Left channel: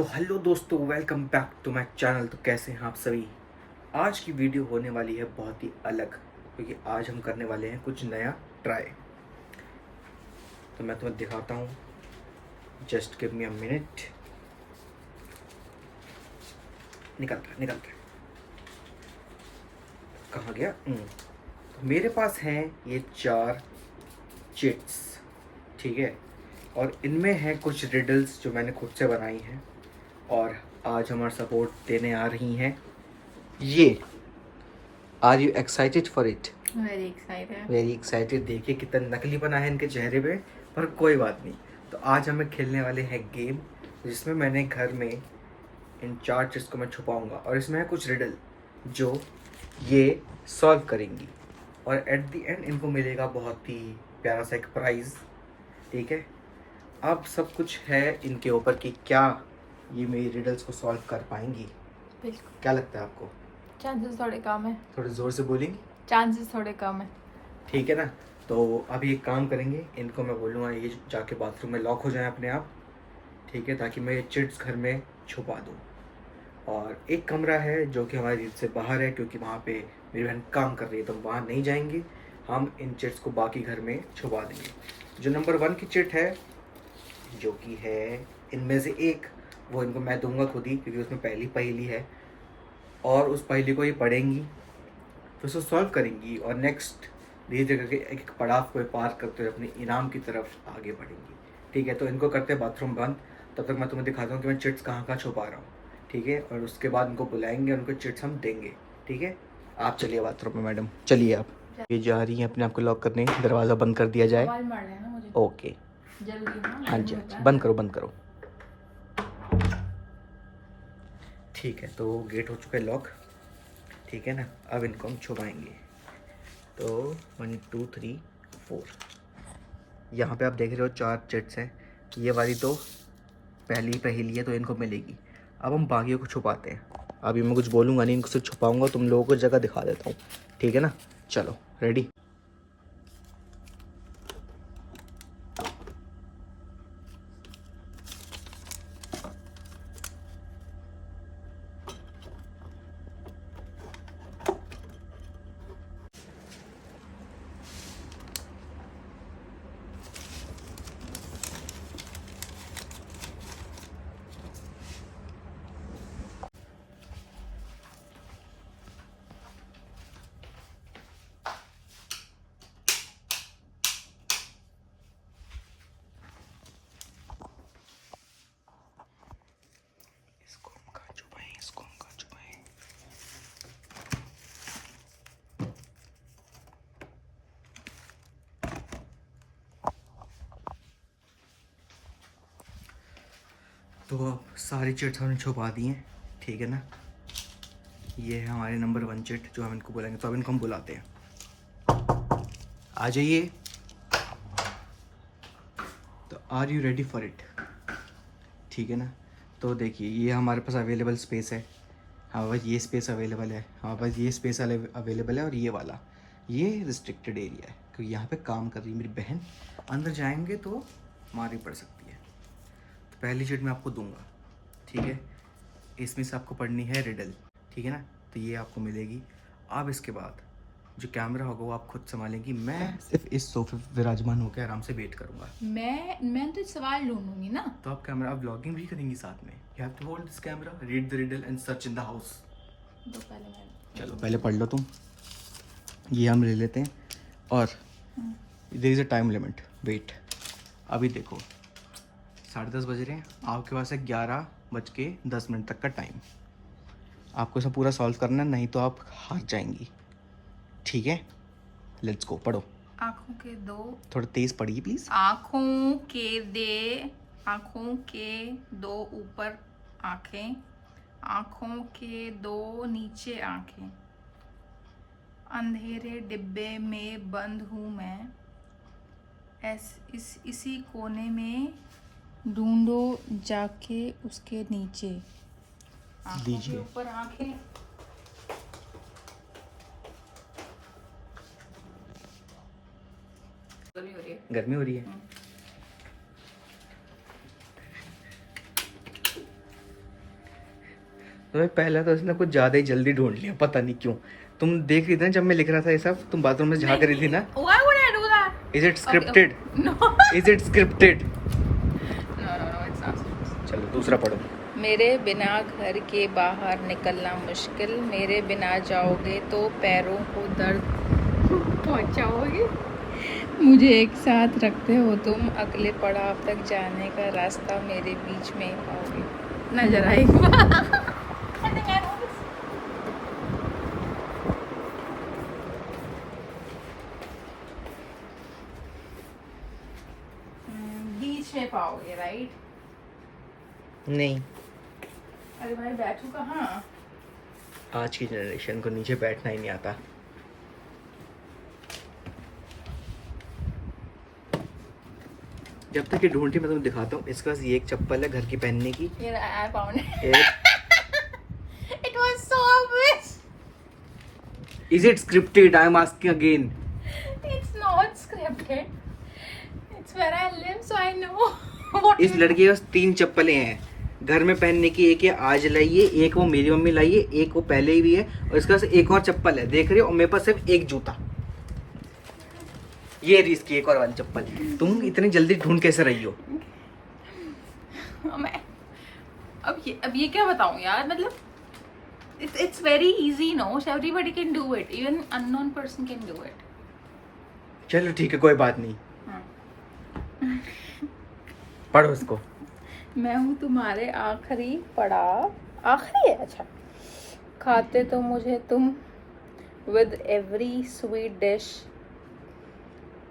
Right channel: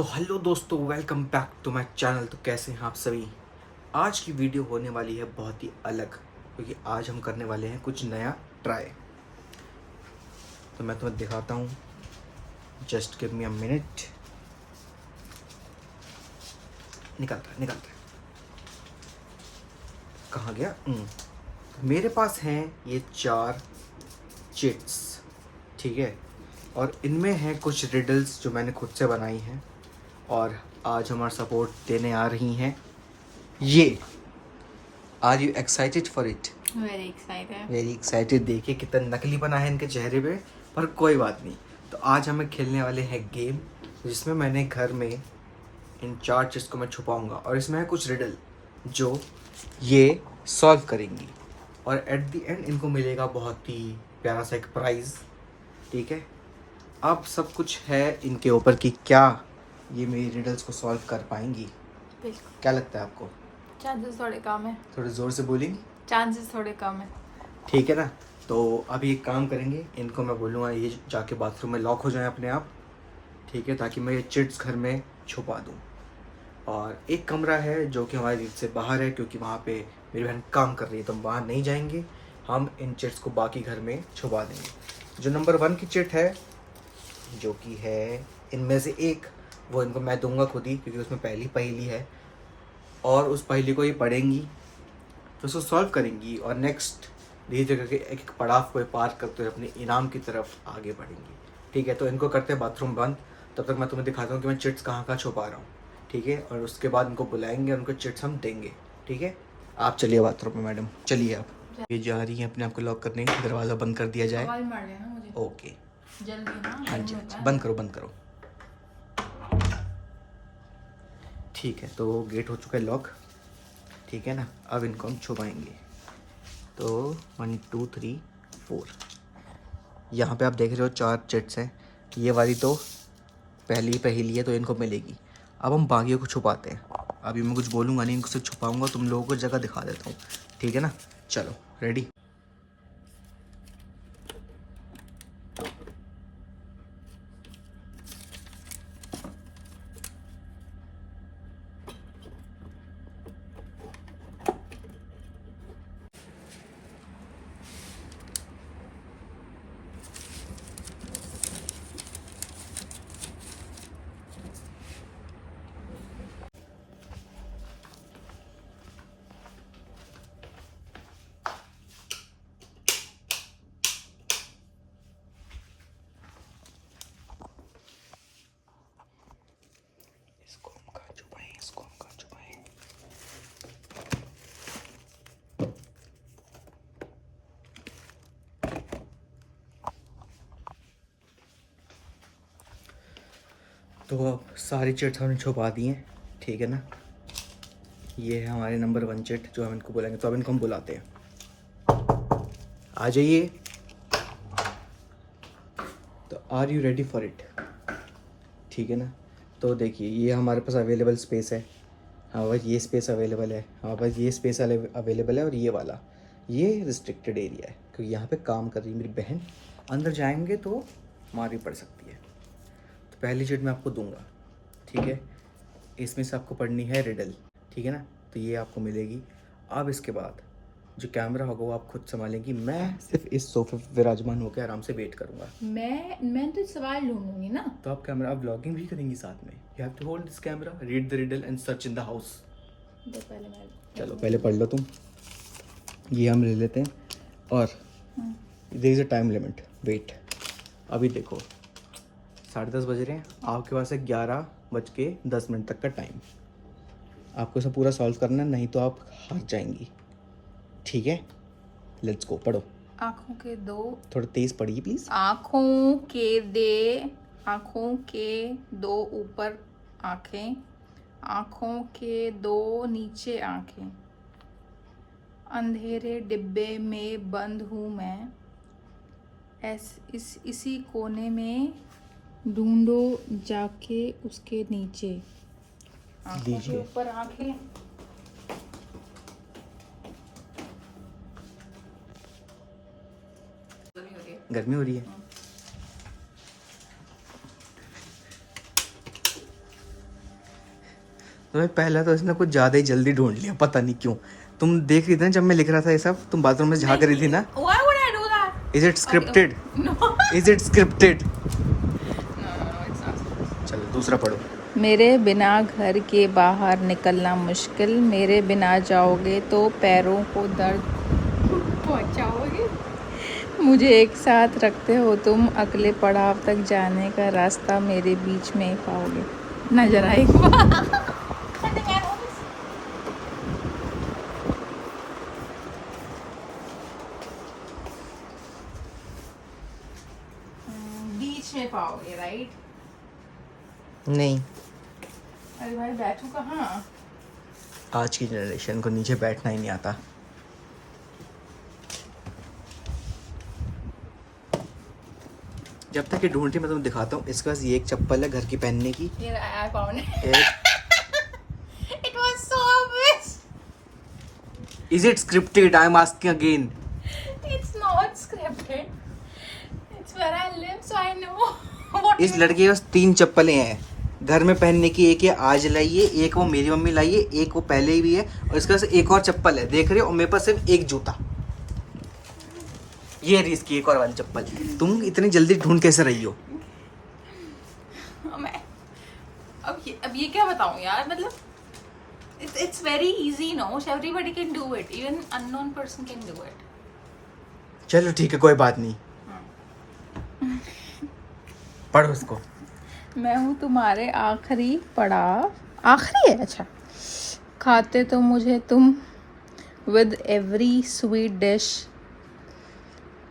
तो हेलो दोस्तों, welcome back to my channel. तो कैसे हैं आप सभी। आज की वीडियो होने वाली है बहुत ही अलग, क्योंकि आज हम करने वाले हैं कुछ नया ट्राई। तो मैं तुम्हें दिखाता हूँ, just give me a minute. निकलता है कहाँ गया। तो मेरे पास हैं ये 4 चिट्स, ठीक है। और इनमें हैं कुछ रिडल्स जो मैंने खुद से बनाई हैं, और आज हमारा सपोर्ट देने आ रही हैं ये। Are you excited for it? Very excited. देखिए कितना नकली बना है इनके चेहरे पे, पर कोई बात नहीं। तो आज हमें खेलने वाले हैं गेम, जिसमें मैंने घर में इन 4 चीज़ को मैं छुपाऊंगा, और इसमें है कुछ रिडल जो ये सॉल्व करेंगी, और एट द एंड इनको मिलेगा बहुत ही प्यारा सा एक प्राइज़, ठीक है। अब सब कुछ है इनके ऊपर कि क्या ये मेरी रिडल्स को सॉल्व कर पाएंगी। बिल्कुल, क्या लगता है आपको? चांसेस थोड़े कम है। थोड़े ज़ोर से बोलेंगे? चांसेस थोड़े कम है। ठीक है ना। तो अभी एक काम करेंगे, इनको मैं बोलूँगा ये जाके बाथरूम में लॉक हो जाए अपने आप, ठीक है, ताकि मैं ये चिट्स घर में छुपा दूँ। और एक कमरा है जो कि हमारे घर से बाहर है, क्योंकि वहाँ पे मेरी बहन काम कर रही है, तो हम वहाँ नहीं जाएंगे। हम इन चिट्स को बाकी घर में छुपा देंगे। जो नंबर 1 की चिट है, जो कि है इनमें से एक, वो इनको मैं दूंगा खुद ही, क्योंकि उसमें पहली पहेली है, और उस पहेली को ये पढ़ेंगी, फिर उसको सॉल्व करेंगी, और नेक्स्ट धीरे धीरे करके एक एक पड़ाव को पार करते हुए अपने इनाम की तरफ आगे बढ़ेंगी, ठीक है। तो इनको करते हैं बाथरूम बंद। तब तक मैं तुम्हें दिखाता हूँ कि मैं चिट्स कहाँ कहाँ छुपा रहा हूँ, ठीक है। और उसके बाद इनको बुलाएंगे और उनको चिट्स हम देंगे, ठीक है। आप चलिए बाथरूम में, मैडम चलिए आप। ये जा रही हैं अपने आप को लॉक करने, दरवाज़ा बंद कर दिया जाए। आवाज मार लेना मुझे ओके, जल्दी ना। हाँ जी हाँ जी, बंद करो बंद करो। ठीक है, तो गेट हो चुका है लॉक, ठीक है ना। अब इनको हम छुपाएंगे। तो 1 2 3 4, यहाँ पे आप देख रहे हो 4 चिट्स हैं। ये वाली तो पहली पहेली है, तो इनको मिलेगी। अब हम बाकियों को छुपाते हैं। अभी मैं कुछ बोलूँगा नहीं, इनको सिर्फ छुपाऊँगा, तुम लोगों को जगह दिखा देता हूँ, ठीक है ना। चलो रेडी। इसको हम कहाँ छुपाएं, इसको हम कहाँ छुपाएं। तो अब सारी चिट्स हमने छुपा दी हैं, ठीक है ना। ये है हमारे नंबर 1 चिट जो हम इनको बुलाएंगे। तो अब इनको हम बुलाते हैं, आ जाइए। तो are you ready for it? ठीक है ना। तो देखिए ये हमारे पास अवेलेबल स्पेस है, हाँ बस ये स्पेस अवेलेबल है, हाँ बस ये स्पेस अवेलेबल है, और ये वाला ये रिस्ट्रिक्टेड एरिया है, क्योंकि यहाँ पे काम कर रही है मेरी बहन। अंदर जाएंगे तो मार भी पड़ सकती है। तो पहली चीट मैं आपको दूंगा, ठीक है। इसमें से आपको पढ़नी है रिडल, ठीक है ना। तो ये आपको मिलेगी। अब इसके बाद जो कैमरा होगा वो आप खुद संभालेंगी, मैं सिर्फ इस सोफे पे विराजमान होकर आराम से वेट करूँगा। मैं तो सवाल ढूंढूंगी ना। तो आप कैमरा, आप व्लॉगिंग भी करेंगी साथ में। You have to hold this camera, read the riddle and search in the house. तो पहले मैं चलो पहले पढ़ लो तुम, ये हम ले लेते हैं। और there is a time limit, wait. अभी देखो 10:30 बज रहे हैं, आपके पास है 11:10 तक का टाइम। आपको इसे पूरा सॉल्व करना है, नहीं तो आप हार जाएंगी, ठीक है। लेट्स गो, पढ़ो। आंखों के दो थोड़ा तेज़ पढ़िए प्लीज़। आंखों के दो ऊपर आंखें, आंखों के दो नीचे आंखें, अंधेरे डिब्बे में बंद हूँ मैं, इसी कोने में ढूंढो जाके उसके नीचे। आंखों के लीजिए। ऊपर आंखें। गर्मी हो रही है। गर्मी हो रही है। तो भाई पहला तो इसने कुछ ज़्यादा ही जल्दी ढूंढ लिया, पता नहीं क्यों। तुम देख रही थी ना जब मैं लिख रहा था ये सब, तुम बाथरूम में झाँक रही थी ना। Why would I do that? Is it scripted? No. Is it scripted? No, it's not. चलो दूसरा पढ़ो। मेरे बिना घर के बाहर निकलना मुश्किल, मेरे बिना जाओगे तो पैरों को दर्द पहुंचाओगे, मुझे एक साथ रखते हो तुम, अगले पड़ाव तक जाने का रास्ता मेरे बीच में ही पाओगे। नजर आएगा। बीच में पाओगे, राइट? नहीं, अरे भाई बैठू कहाँ? आज की जनरेशन को नीचे बैठना ही नहीं आता। जब तक ये ढूंढती मैं तुम्हें दिखाता हूँ। इसके पास ये एक चप्पल है घर की पहनने की। Here I found it. एक It was so obvious. Is it scripted? I am asking again. It's not scripted. It's where I live, so I know. What इस लड़के के पास 3 चप्पलें हैं घर में पहनने की। एक ये आज लाई है, एक वो मेरी मम्मी लाई है, एक वो पहले ही भी है, और इसके पास एक और चप्पल है, देख रहे हो? और मेरे पास सिर्फ एक जूता। ये रही इसकी एक और वाली चप्पल। तुम इतनी जल्दी ढूंढ कैसे रही हो? मैं अब ये क्या बताऊं यार, मतलब it's very easy, no? So everybody can do it. Even unknown person can do it. चलो ठीक है, कोई बात नहीं। पढ़ो इसको। मैं हूँ तुम्हारे आखिरी पड़ाव, आखिरी है, अच्छा। खाते तो मुझे तुम with every sweet dish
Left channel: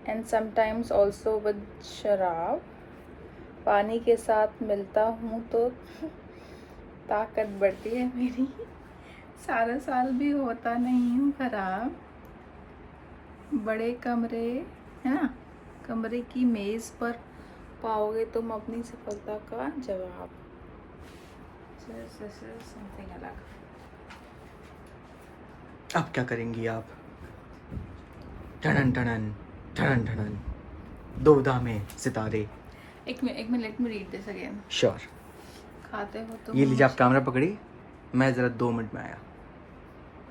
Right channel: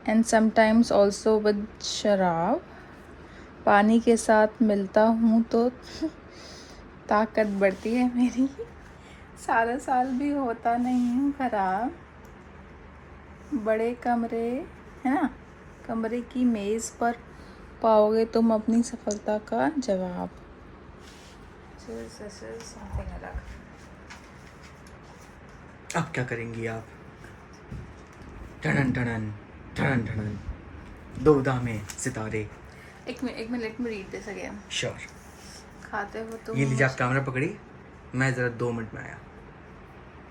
and sometimes also with शराब, पानी के साथ मिलता हूँ तो ताकत बढ़ती है मेरी, सारा साल भी होता नहीं हूँ खराब, बड़े कमरे है ना, कमरे की मेज़ पर पाओगे तुम अपनी सफलता का जवाब। This is something अलग। अब क्या करेंगी आप? ठनन ठनन ठनन ठनन, दुविधा में सितारे। एक minute, let me read this again. Sure. खाते हो तुम ये लीजिए, आप कैमरा पकड़िए, मैं जरा 2 मिनट में आया।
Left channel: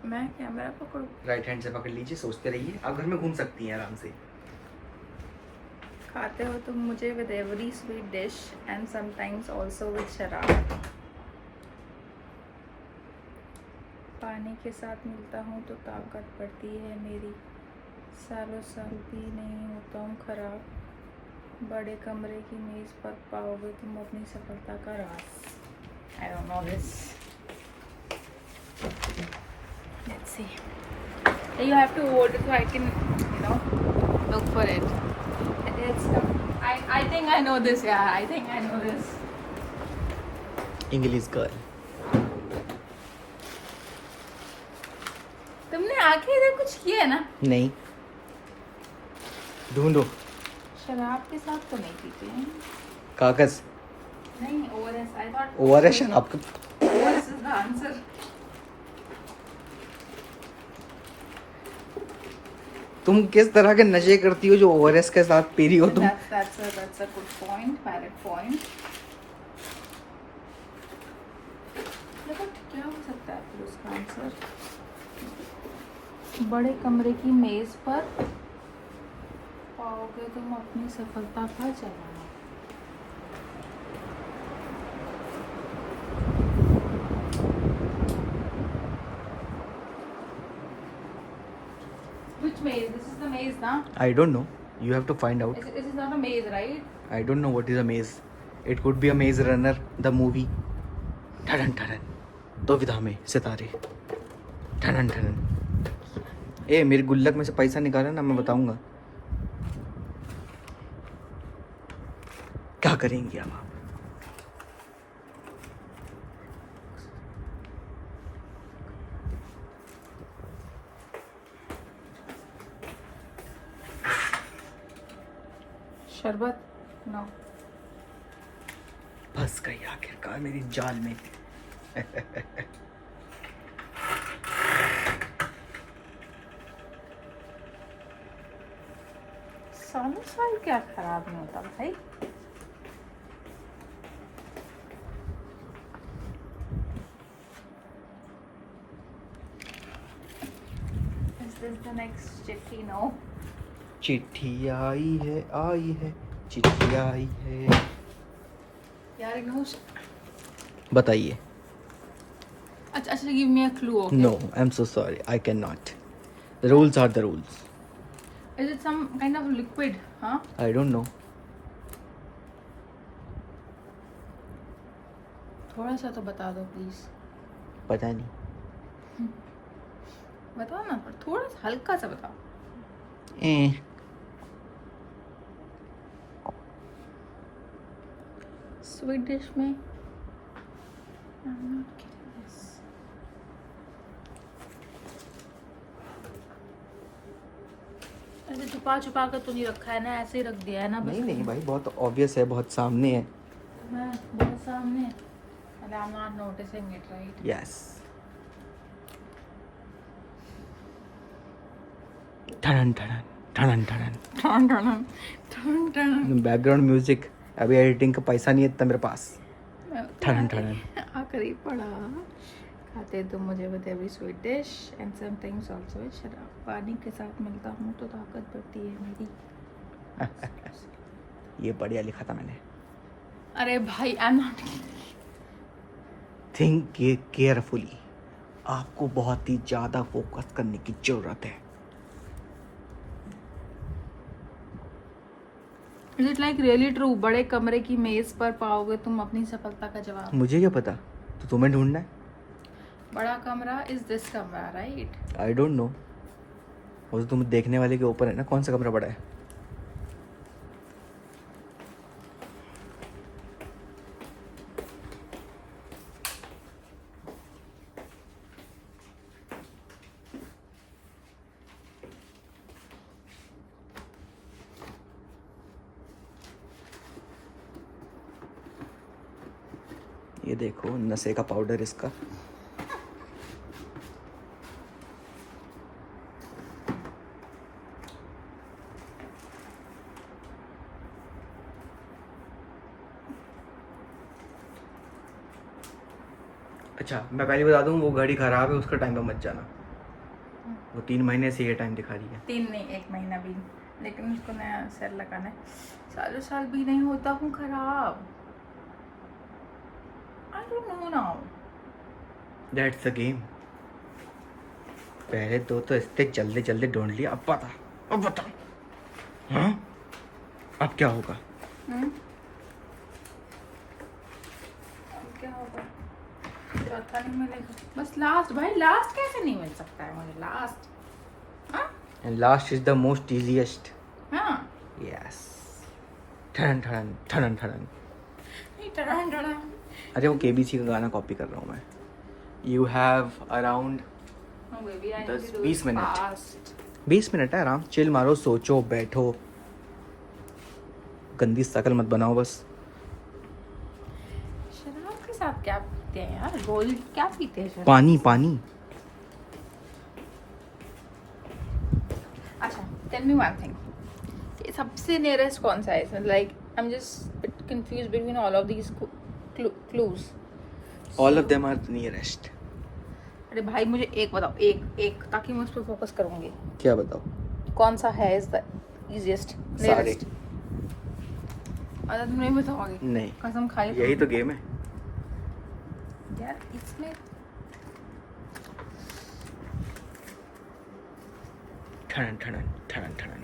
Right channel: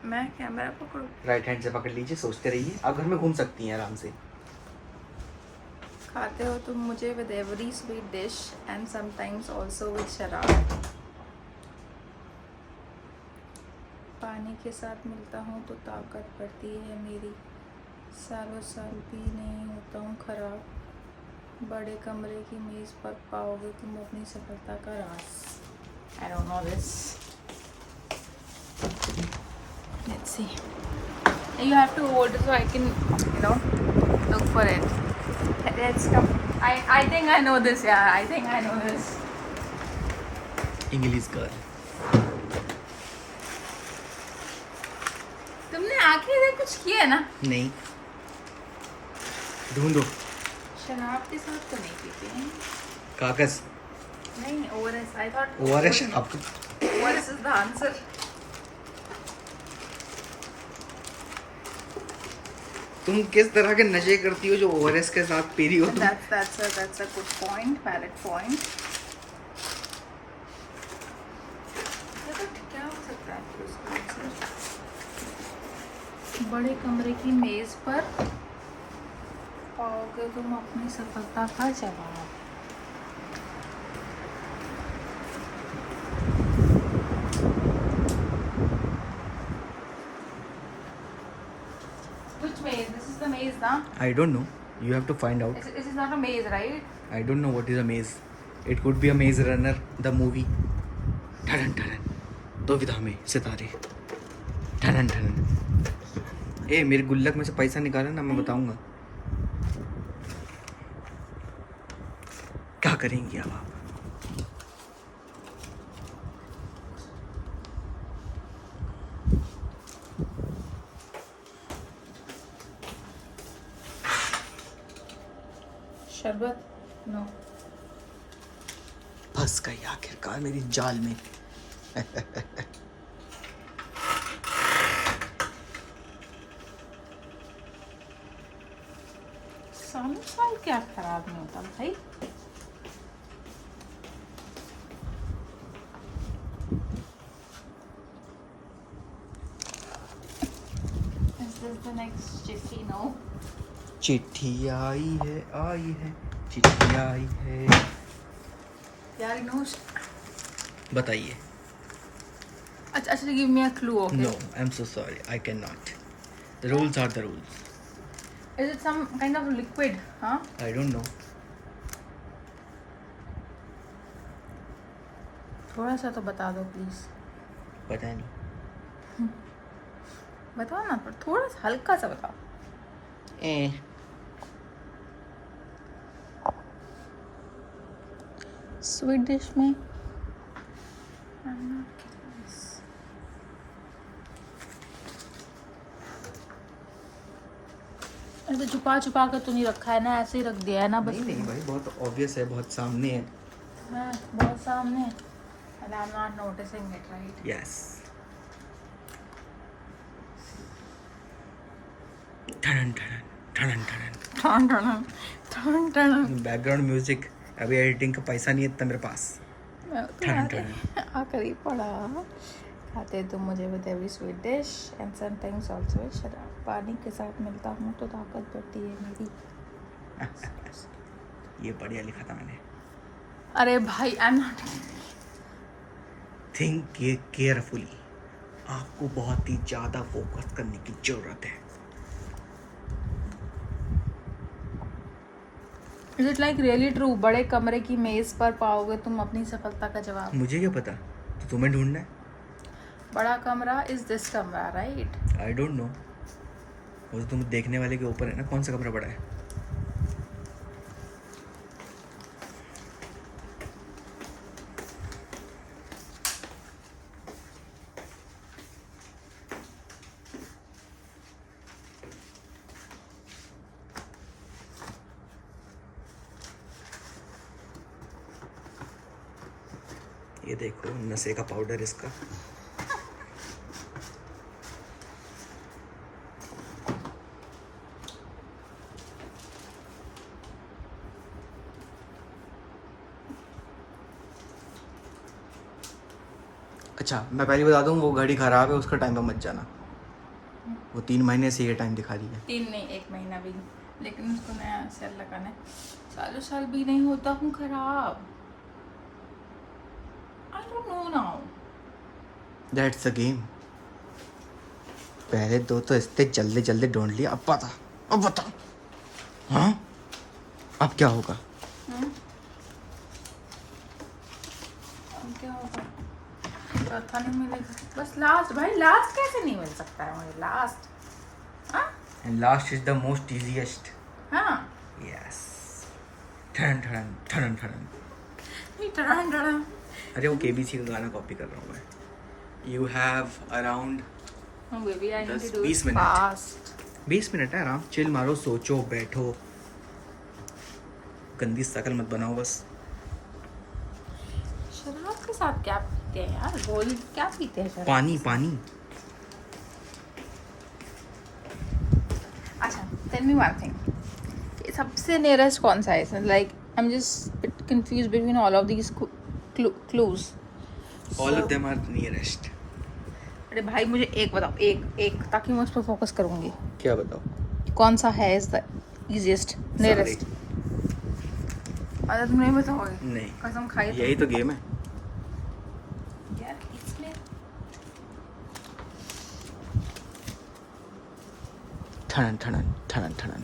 मैं कैमरा पकड़ूं? राइट हैंड से पकड़ लीजिए, सोचते रहिए, आप घर में घूम सकती हैं आराम से। खाते हो तुम मुझे with every sweet dish and sometimes also with शराब, पानी के साथ मिलता हूँ तो ताकत बढ़ती है मेरी, सालों साल भी नहीं होता हूँ खराब, बड़े कमरे की मेज़ पर पाओगे तुम अपनी सफलता का राज। I don't know this. Let's see. You have to hold it so I can, look for it. Let's come. I think I know this. Yeah, I think I know this. English girl. तुमने आखिरी में कुछ किया है ना? नहीं, ढूंढो। शराब के साथ तो नहीं पीते हैं। कागज। नहीं, ORS. I thought ORS शराब का। ORS is the answer. तुम किस तरह के नशे करती हो जो ORS के साथ पी रही हो तुम? That's a good point. Valid point. क्या हो सकता है फिर उसका आंसर? बड़े कमरे की मेज पर पाओगे तुम अपनी सफलता का जवाब। Which maze? This is the maze, na? I don't know. You have to find out. This is not a maze, right? I don't know what is a maze. It could be a Maze Runner, the movie. ठनन ठनन, दुविधा में सितारे। ठनन ठनन। ए, मेरे गुल्लक में से पैसा निकाला ना, मैं बताऊंगा। क्या करेंगी अब आप? शरबत? नो। फंस गई आखिरकार मेरी जाल में। सालों साल क्या खराब नहीं होता भाई। is the next chitti? No. चिट्ठी आई है, चिट्ठी आई है। यार इनोश। बताइए। अच्छा अच्छा, give me a clue, okay? No, I'm so sorry. I cannot. The rules are the rules. Is it some kind of liquid? Huh? I don't know. थोड़ा सा तो बता दो प्लीज। पता नहीं। बताओ ना, पर थोड़ा सा हल्का सा बताओ। स्वीट डिश में I'm not getting this. ऐसे छुपा छुपा कर तो नहीं रखा है ना, ऐसे ही रख दिया है ना बस। नहीं नहीं भाई, बहुत ऑब्वियस है, बहुत सामने है। हाँ, बहुत सामने है। And I'm not noticing it, right? Yes. ठनन ठनन ठनन ठनन। टन टन टन टन। Background music. अभी एडिटिंग का पैसा नहीं है इतना मेरे पास। ठनन ठनन। आखिरी पड़ा। खाते तुम मुझे with every sweet dish and sometimes also with शराब। पानी के साथ मिलता हूँ तो ताकत बढ़ती है मेरी। ये बढ़िया लिखा था मैंने। अरे भाई, I am not. Think carefully. आपको बहुत ही ज्यादा फोकस करने की जरूरत है। Is it like really true? बड़े कमरे की मेज पर पाओगे तुम अपनी सफलता का जवाब। मुझे क्या पता, तो तुम्हें ढूंढना है। बड़ा कमरा इज दिस कमरा, राइट? I don't know. वो तो तुम देखने वाले के ऊपर है ना, कौन सा कमरा बड़ा है। ये देखो नशे का पाउडर इसका। अच्छा मैं पहले बता दूं, वो घड़ी खराब है, उसका टाइम पे मत जाना। वो 3 महीने से ये टाइम दिखा दिया। 3 नहीं, 1 महीना भी, लेकिन उसको नया सेल लगाना है। सालों साल भी नहीं होता हूँ खराब। I don't know now. That's the game. पहले दो तो इतने जल्दी जल्दी ढूंढ लिया, अब बता। हाँ अब क्या होगा? अब क्या होगा? चौथा नहीं मिलेगा, बस लास्ट। भाई लास्ट कैसे नहीं मिल सकता है मुझे? लास्ट। हाँ and last is the most easiest. हाँ। यस। ठन ठन ठन ठन। टड़न टड़न। अरे वो केबीसी का गाना कॉपी कर रहा हूँ मैं। You have around 20 minute. 20 minute है, आराम चिल मारो, सोचो, बैठो, गंदी शकल मत बनाओ बस। शराब के साथ क्या पीते हैं यार? गोली क्या पीते हैं? पानी। अच्छा, टेल मी वन थिंग। ये सबसे नियरेस्ट कौन सा है? Like I am just confused between all of these clues. All of them are nearest. अरे भाई मुझे एक बताओ, एक ताकि मैं उस पर फोकस करूंगी। क्या बताओ? कौन सा है इज द इजीएस्ट नियरेस्ट? अरे तुम नहीं बताओगे? नहीं, कसम खाई। यही तो गेम है यार इसमें ठनन ठनन ठनन ठनन।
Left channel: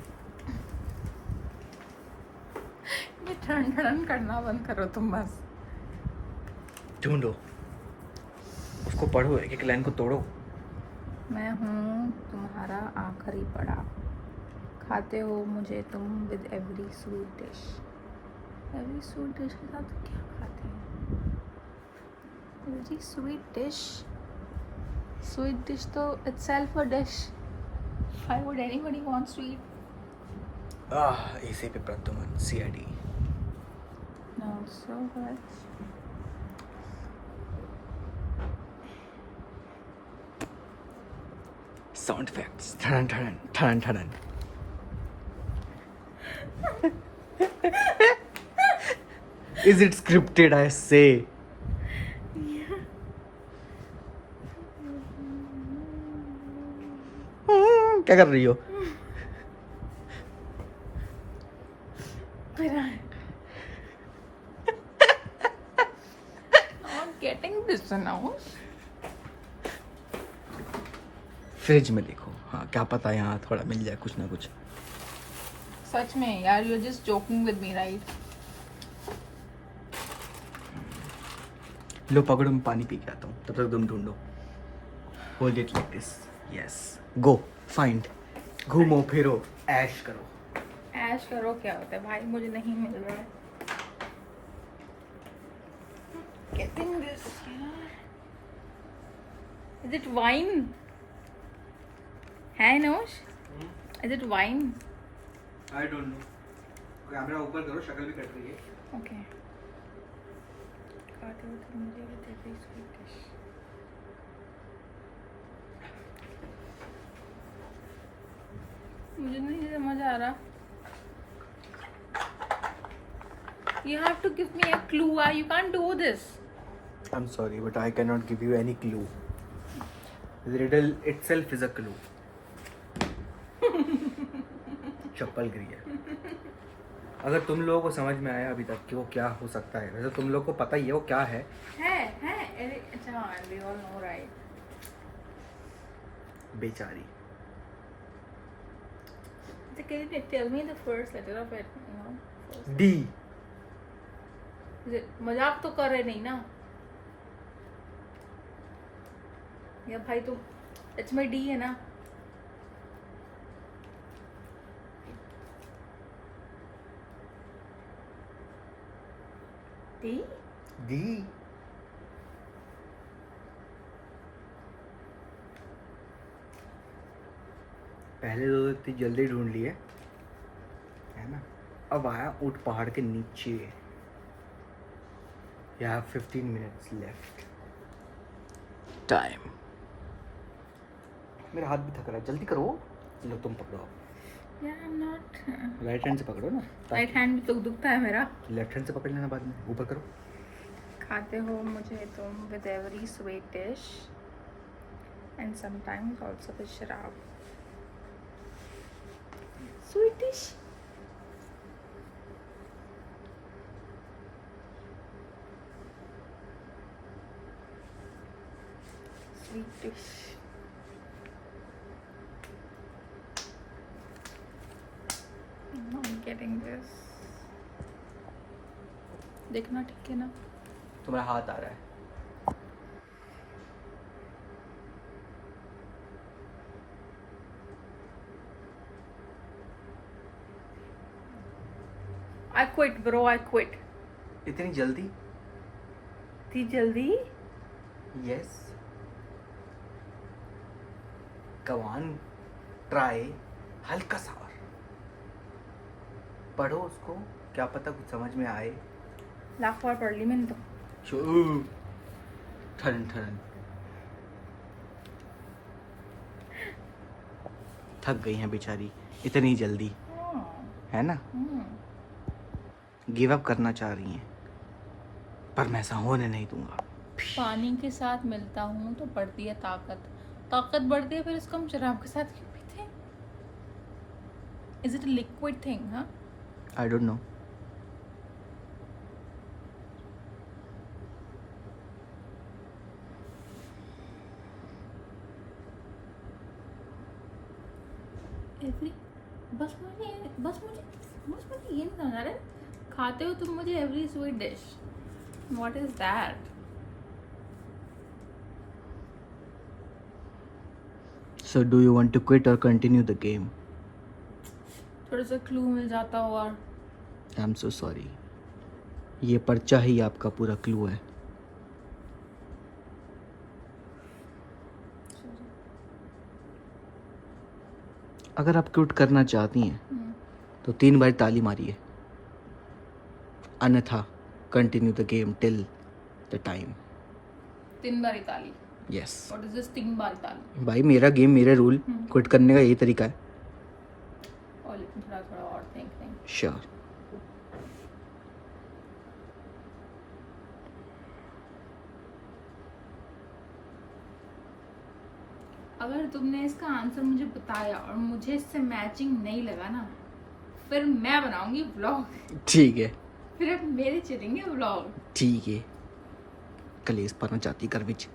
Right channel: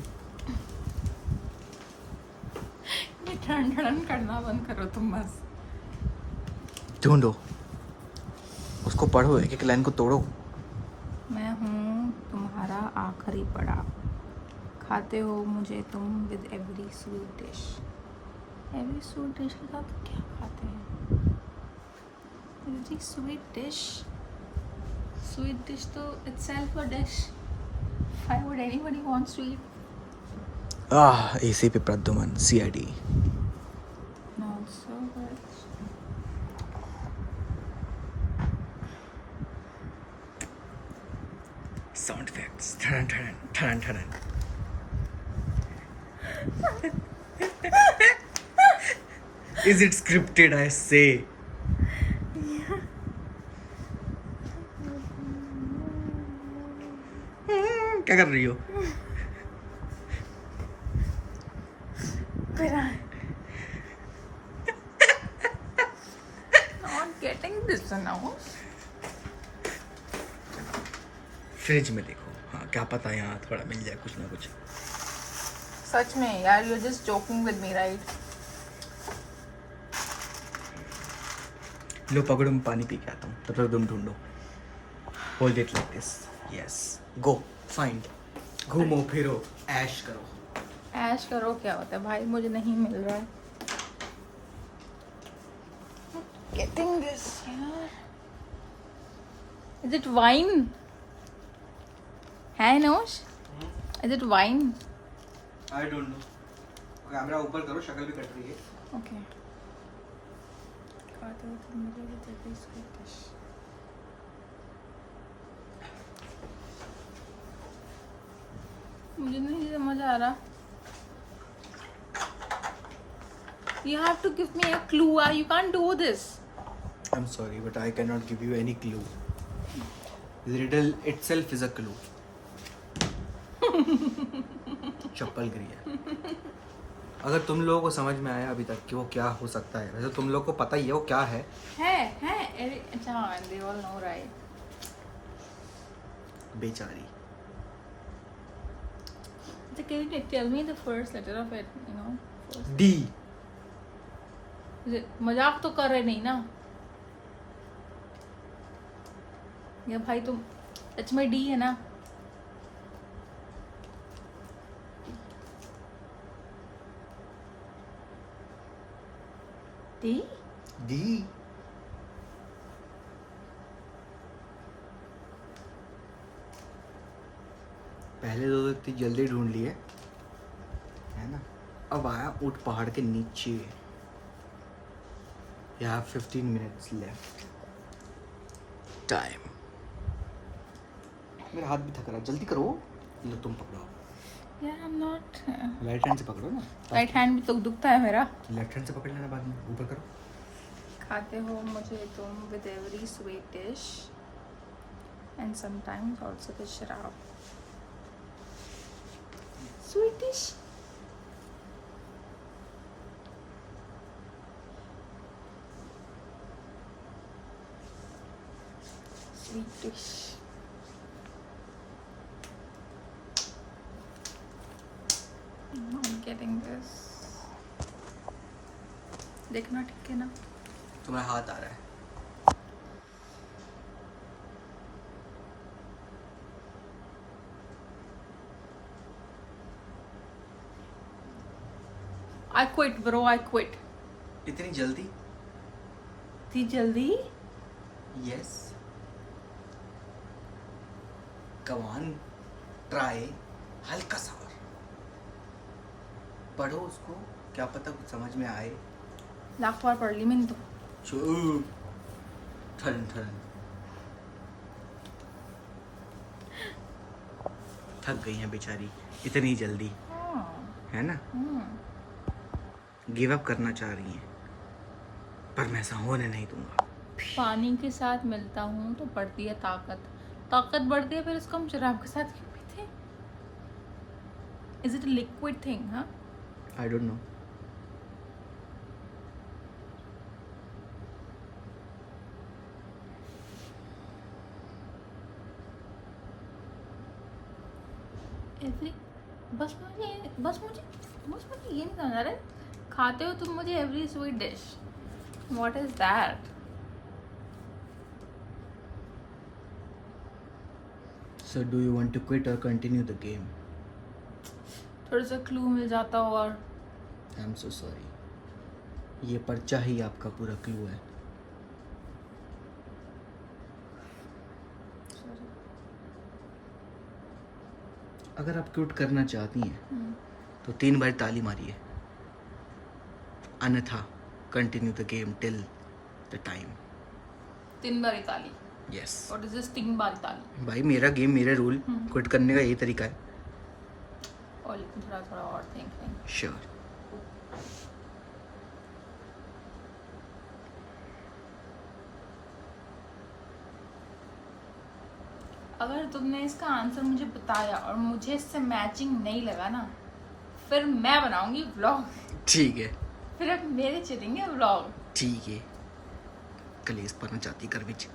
ये ठंडन करना बंद करो तुम बस। ढूंढो, उसको पढ़ो, एक एक लाइन को तोड़ो। मैं हूँ तुम्हारा आखिरी पड़ाव। खाते हो मुझे तुम with every sweet dish. Every sweet dish के साथ क्या खाते हैं? Every sweet dish. Sweet dish तो itself a dish. Why would anybody want to eat? ACP Pradyuman, CID. Not so much. Sound effects. ठनन ठनन ठनन ठनन। Is it scripted, I say? क्या कर रही हो? Not getting this now. Fridge में देखो, हाँ क्या पता यहाँ थोड़ा मिल जाए कुछ ना कुछ। सच में यार, you're just joking with me, right? लो पकड़ो, मैं पानी पी के आता हूँ, तब तक तुम ढूंढो। Hold it like this, yes, go find, घूमो फिरो, ऐश करो। ऐश करो क्या होता है भाई, मुझे नहीं मिल रहा है। Getting this, यार। Is it wine? है नोश? Is it wine? I don't know. Camera ऊपर करो, शक्ल भी कट रही है। Okay. खाते हो तो मुझे भी दे दो sweet dish. मुझे नहीं समझ आ रहा। You have to give me a clue. You can't do this. I'm sorry, but I cannot give you any clue. The riddle itself is a clue. चप्पल गिरी है। अगर तुम लोगों को समझ में आया अभी तक कि वो क्या हो सकता है, वैसे तुम लोग को पता ही है वो क्या है। अच्छा, they all know, right? बेचारी। So can you tell me the first letter of it? You know. First. D. मजाक तो कर रहे नहीं ना? या भाई तुम सच में डी है ना? डी? डी। पहले तो इतनी जल्दी ढूंढ लिए है ना, अब आया ऊंट पहाड़ के नीचे। You have 15 minutes left. Time. मेरा हाथ भी थक रहा है, जल्दी करो। लो तुम पकड़ो अब। यार I'm not. राइट हैंड से पकड़ो ना। राइट हैंड भी तो दुखता है मेरा। लेफ्ट हैंड से पकड़ लेना बाद में, ऊपर करो। खाते हो मुझे तुम with every sweet dish and sometimes also with शराब। Sweet dish? Sweet dish. I'm not getting this. देखना ठीक है ना? तुम्हारा हाथ आ रहा है। I quit, bro. I quit. इतनी जल्दी? इतनी जल्दी? यस। कमान ट्राई, हल्का सा और पढ़ो उसको, क्या पता कुछ समझ में आए। लाख बार पढ़ ली मैंने तो। चुप। ठन ठन। थक गई हैं बेचारी इतनी जल्दी, है ना? गिव अप करना चाह रही हैं, पर मैं ऐसा होने नहीं दूंगा। पानी के साथ मिलता हूँ तो बढ़ती है ताकत, ताकत बढ़ती है, फिर इसको हम शराब के साथ क्यों पीते हैं? Is it a liquid thing, हाँ? I don't know. बस मुझे ये नहीं समझ आ रहा है। खाते हो तुम मुझे every sweet dish, what is that? So do you want to quit or continue the game? थोड़ा सा क्लू मिल जाता और। I'm so sorry. ये पर्चा ही आपका पूरा क्लू है। अगर आप क्विट करना चाहती हैं तो 3 बार ताली मारिए, अन्यथा continue the game till the time. 3 बार ताली? यस। व्हाट इज दिस 3 बार ताली? भाई मेरा गेम, मेरे रूल, क्विट करने का यही तरीका है। और लेकिन थोड़ा और थिंकिंग। श्योर। अगर तुमने इसका आंसर मुझे बताया और मुझे इससे मैचिंग नहीं लगा ना, फिर मैं बनाऊंगी व्लॉग, ठीक है फिर अब मेरे चलेंगे व्लॉग। ठीक है। कलेस पाना चाहती कर विच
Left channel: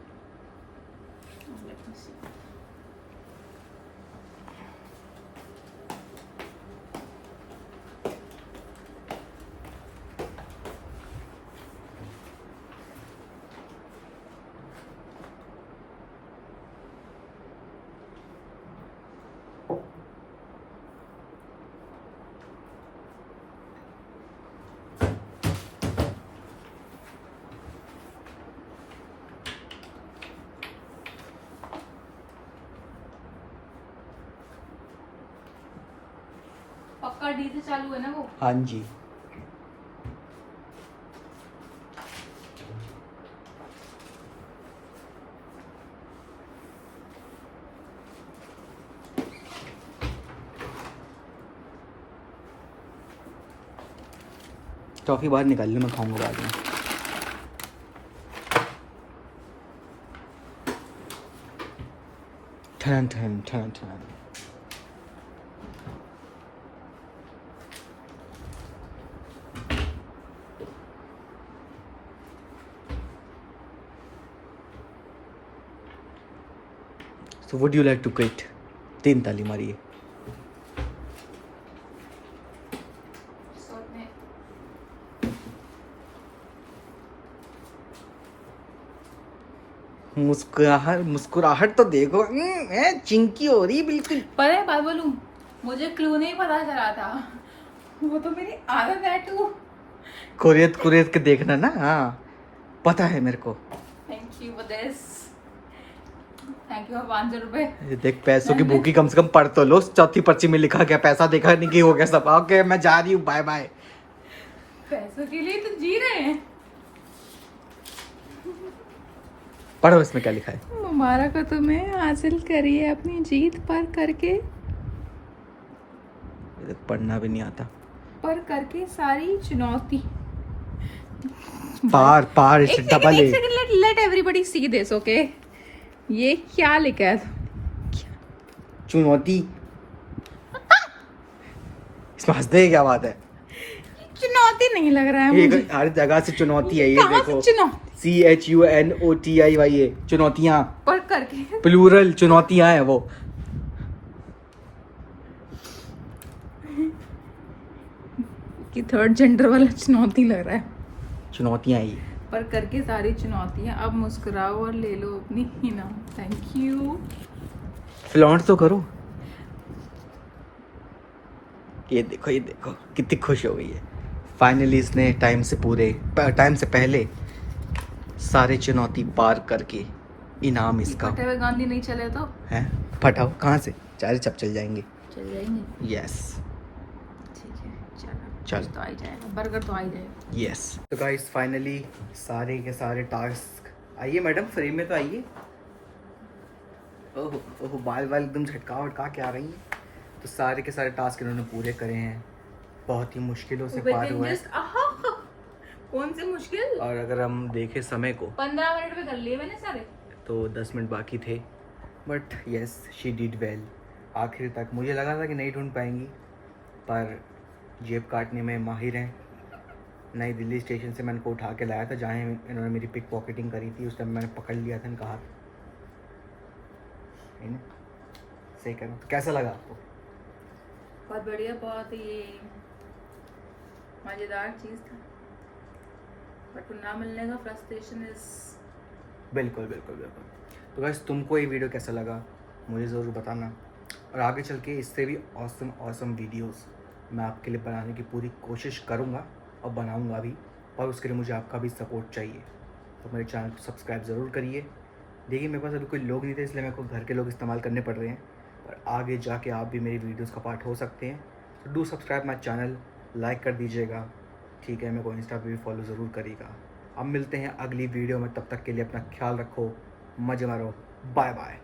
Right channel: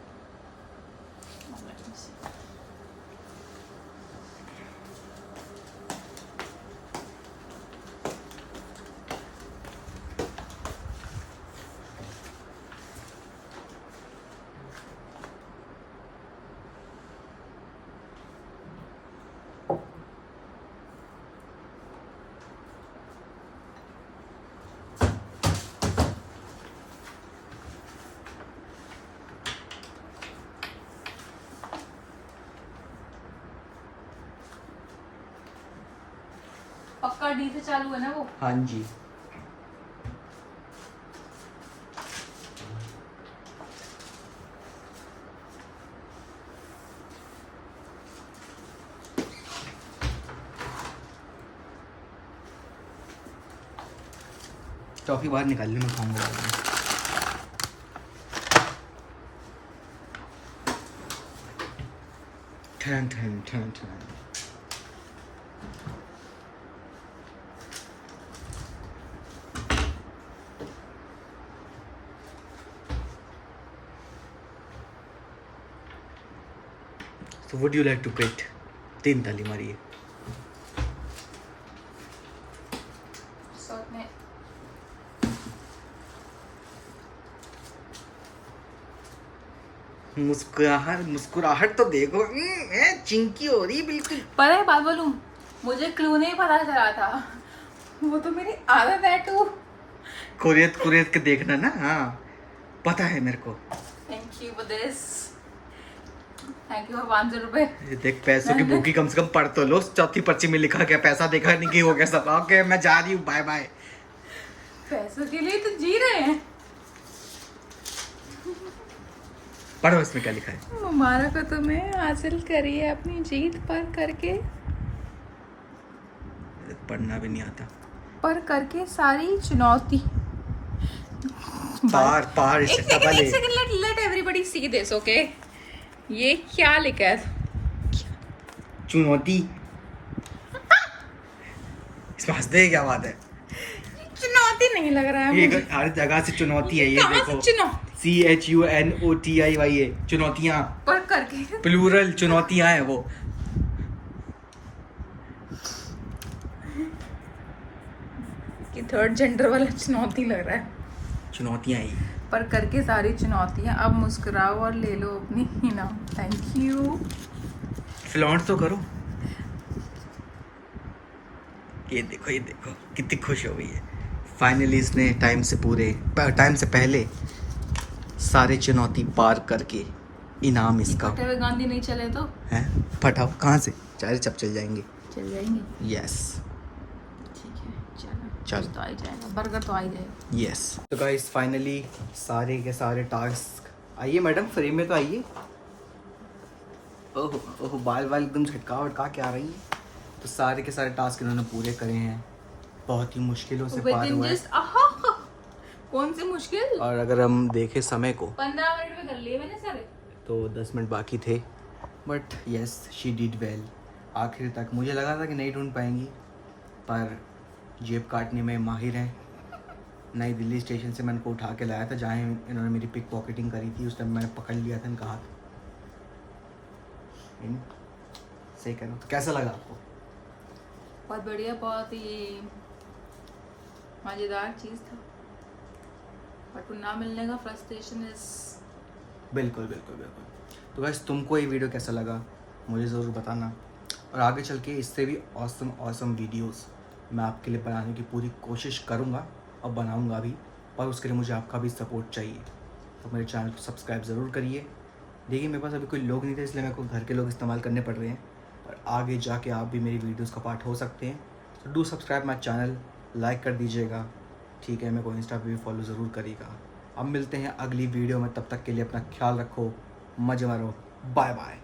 पक्का डी से चालू है ना वो? हाँ जी। टॉफी बाहर निकाल ले, मैं खाऊंगा बाद में। ठन ठन ठन ठन। So would you like to quit? 3 ताली मारिए। मुस्कुराहट तो देखो, चिंकी हो रही बिल्कुल। पता है बात बोलूं, मुझे क्लू नहीं पता चला था, वो तो मेरी आदत है टू कुरेद कुरेद के देखना ना। हाँ पता है मेरे को। Thank you for this, thank you for 500 रुपए। ये देख, पैसों की भूखी कम से कम पढ़ तो लो। चौथी पर्ची में लिखा गया, पैसा देखा नहीं कि हो गया सब। ओके मैं जा रही हूँ, बाय बाय। पैसों के लिए तो जी रहे हैं। पढ़ो इसमें क्या लिखा है। मुबारक हो तुम्हें, हासिल करी है अपनी जीत पर करके। पढ़ना भी नहीं आता। पर करके सारी चुनौती। पार पार एक इसे डबल सेकंड, ए। एक second, let everybody see this, okay? ये क्या लिखा है? चुनौती। इसमें हंसने की क्या बात है? चुनौती नहीं लग रहा है ये मुझे। हर जगह से चुनौती है, ये कहाँ से देखो। चुनौती? CHUNOTIY चुनौतियाँ, पर करके प्लूरल चुनौतियाँ हैं वो। कि थर्ड जेंडर वाला चुनौती लग रहा है। चुनौतियाँ ही। पर करके सारी चुनौतियां, अब मुस्कुराओ और ले लो अपनी इनाम। Thank you. फ्लॉन्ट तो करो। ये देखो कितनी खुश हो गई है। फाइनली इसने टाइम से पहले सारे चुनौती पार करके इनाम इसका फटे हुए गांधी नहीं चले तो है। फटाओ कहाँ से, 4 चप चल जाएंगे। चल जाएंगे। यस ठीक है, चलो चल। कुछ तो आ ही जाएगा, बर्गर तो आ ही जाएगा। यस। तो गाइस फाइनली सारे के सारे टास्क, आइए मैडम फ्रेम में तो आइए। ओह ओह, बाल एकदम झटका के आ रही हैं। तो सारे के सारे टास्क इन्होंने पूरे करे हैं, बहुत ही मुश्किलों से पार हुआ है। कौन से मुश्किल? और अगर हम देखें समय को 15 मिनट में कर लिए मैंने सारे। तो 10 मिनट बाकी थे, but yes she did well. आखिर तक मुझे लगा था कि नहीं ढूंढ पाएंगी, पर जेब काटने में माहिर हैं। नई दिल्ली स्टेशन से मैंने को उठा के लाया था, जहाँ इन्होंने मेरी पिक पॉकेटिंग करी थी। उस टाइम मैंने पकड़ लिया था इनका हाथ। सही कह रहा हूँ। तो कैसा लगा आपको? बहुत बढ़िया, बहुत ही मज़ेदार चीज़ था, बट ना मिलने का फ्रस्ट्रेशन इज। बिल्कुल बिल्कुल बिल्कुल। तो बस तुमको ये वीडियो कैसा लगा मुझे ज़रूर बताना, और आगे चल के इससे भी ऑसम वीडियोस मैं आपके लिए बनाने की पूरी कोशिश करूँगा और बनाऊँगा भी, पर उसके लिए मुझे आपका भी सपोर्ट चाहिए। तो मेरे चैनल को सब्सक्राइब ज़रूर करिए। देखिए मेरे पास अभी कोई लोग नहीं थे, इसलिए मेरे को घर के लोग इस्तेमाल करने पड़ रहे हैं, पर आगे जाके आप भी मेरी वीडियोस का पार्ट हो सकते हैं। तो do subscribe my channel, like कर दीजिएगा, ठीक है? मेरे को इंस्टा पे भी फॉलो ज़रूर करिएगा। अब मिलते हैं अगली वीडियो में, तब तक के लिए अपना ख्याल रखो, मज़े मारो, बाय बाय।